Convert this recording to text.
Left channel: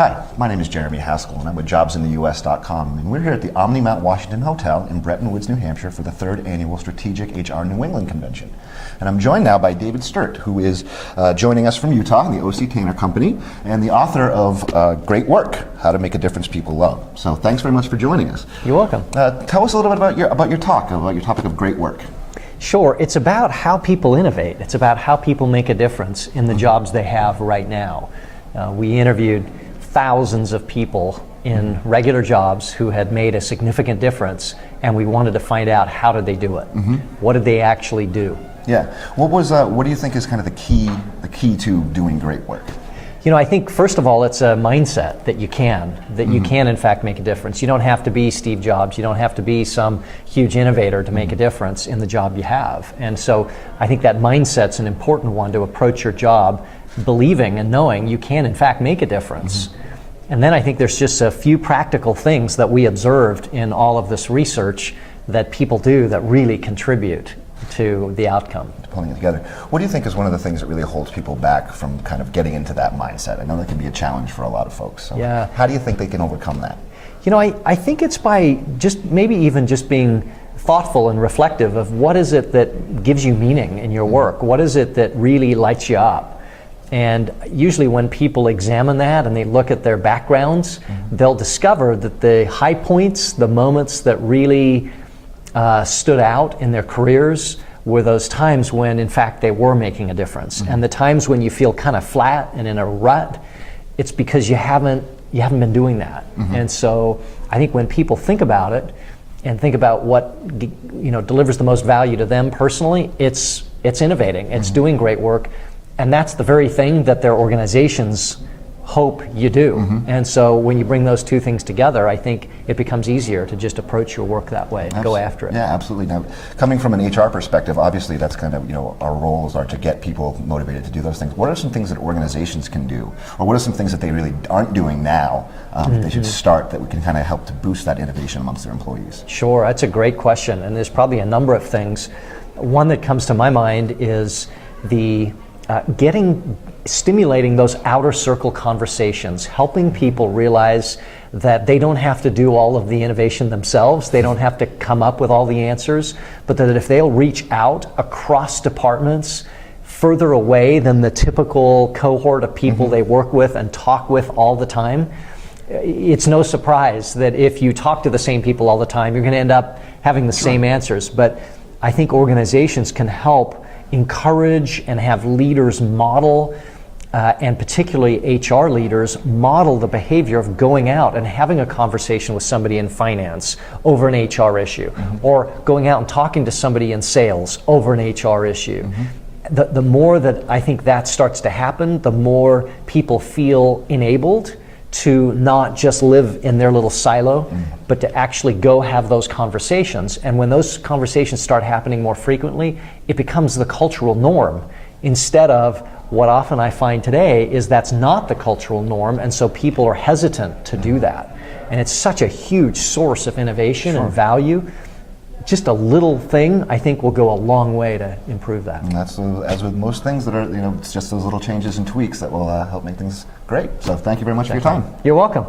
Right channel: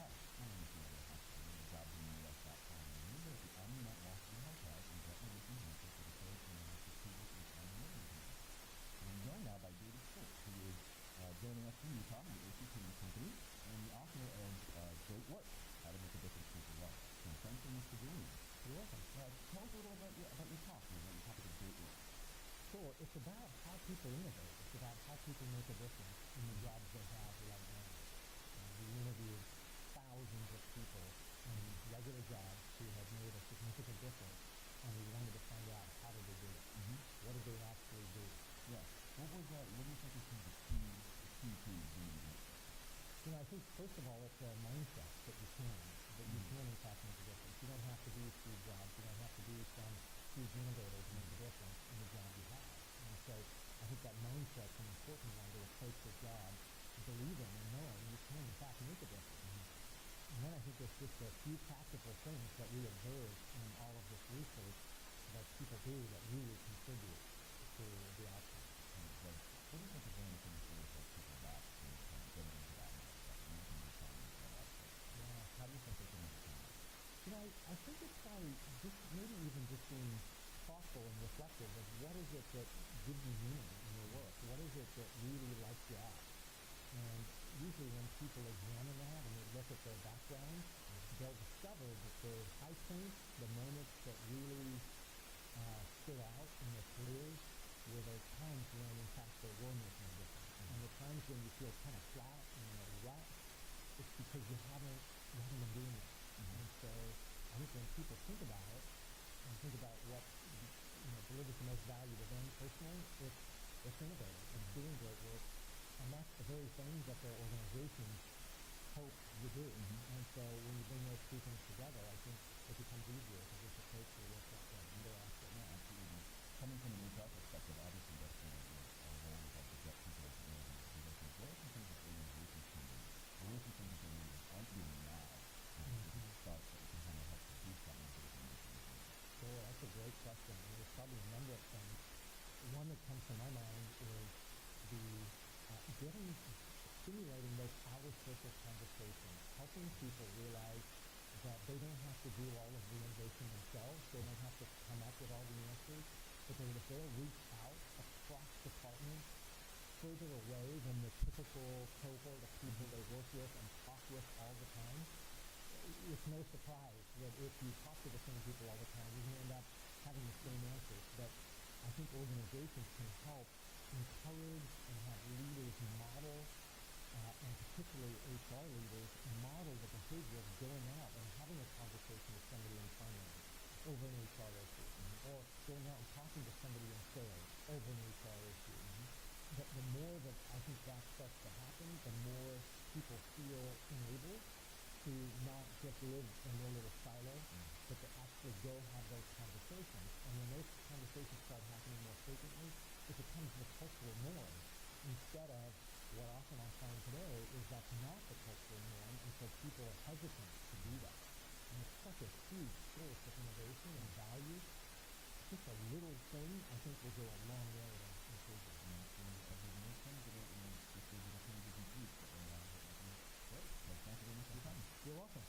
Hi, my name is Jeremy Haskell, and I'm with jobsintheus.com, and we're here at the Omni Mount Washington Hotel in Bretton Woods, New Hampshire for the 3rd Annual Strategic HR New England Convention. And I'm joined now by David Sturt, who is joining us from Utah, the O.C. Tanner Company, and the author of Great Work, How to Make a Difference People Love. So thanks very much for joining us. You're welcome. Tell us a little bit about your topic of great work. Sure. It's about how people innovate. It's about how people make a difference in the jobs they have right now. We interviewed thousands of people in regular jobs who had made a significant difference, and we wanted to find out how did they do it. What did they actually do? Yeah. What do you think is kind of the key to doing great work? You know, I think first of all, it's a mindset that you can in fact make a difference. You don't have to be Steve Jobs. You don't have to be some huge innovator to make a difference in the job you have. And so I think that mindset's an important one to approach your job, believing and knowing you can in fact make a difference. And then I think there's just a few practical things that we observed in all of this research that people do that really contribute to the outcome. Pulling it together. What do you think is one of the things that really holds people back from kind of getting into that mindset? I know that can be a challenge for a lot of folks. So yeah. How do you think they can overcome that? You know, I think it's by maybe even just being thoughtful and reflective of what is it that gives you meaning in your work? What is it that really lights you up? And usually when people examine that and they look at their backgrounds, they'll discover that the high points, the moments that really stood out in their careers were those times when in fact they were making a difference. And the times when you feel kind of flat and in a rut, it's because you haven't been doing that. And so I think when people think about it and think about what delivers the most value to them personally, it's innovating, it's doing great work. And that's the very thing that their organizations hope you do. And so when you bring those two things together, I think it becomes easier to just approach your work that way and go after it. Yeah, absolutely. Now, coming from an HR perspective, obviously that's kind of, our roles are to get people motivated to do those things. What are some things that organizations can do? Or what are some things that they really aren't doing now that they should start that we can kind of help to boost that innovation amongst their employees? Sure, that's a great question. And there's probably a number of things. One that comes to my mind is the stimulating those outer circle conversations, helping people realize that they don't have to do all of the innovation themselves, they don't have to come up with all the answers, but that if they'll reach out across departments, further away than the typical cohort of people they work with and talk with all the time, it's no surprise that if you talk to the same people all the time, you're going to end up having the same answers. But I think organizations can help encourage and have leaders model, and particularly HR leaders, model the behavior of going out and having a conversation with somebody in finance over an HR issue, or going out and talking to somebody in sales over an HR issue. The more that I think that starts to happen, the more people feel enabled to not just live in their little silo, but to actually go have those conversations. And when those conversations start happening more frequently, it becomes the cultural norm, instead of what often I find today is that's not the cultural norm, and so people are hesitant to do that. And it's such a huge source of innovation and value. Just a little thing, I think, will go a long way to improve that. And that's, as with most things that are, it's just those little changes and tweaks that will help make things great. So thank you very much for your time. You're welcome.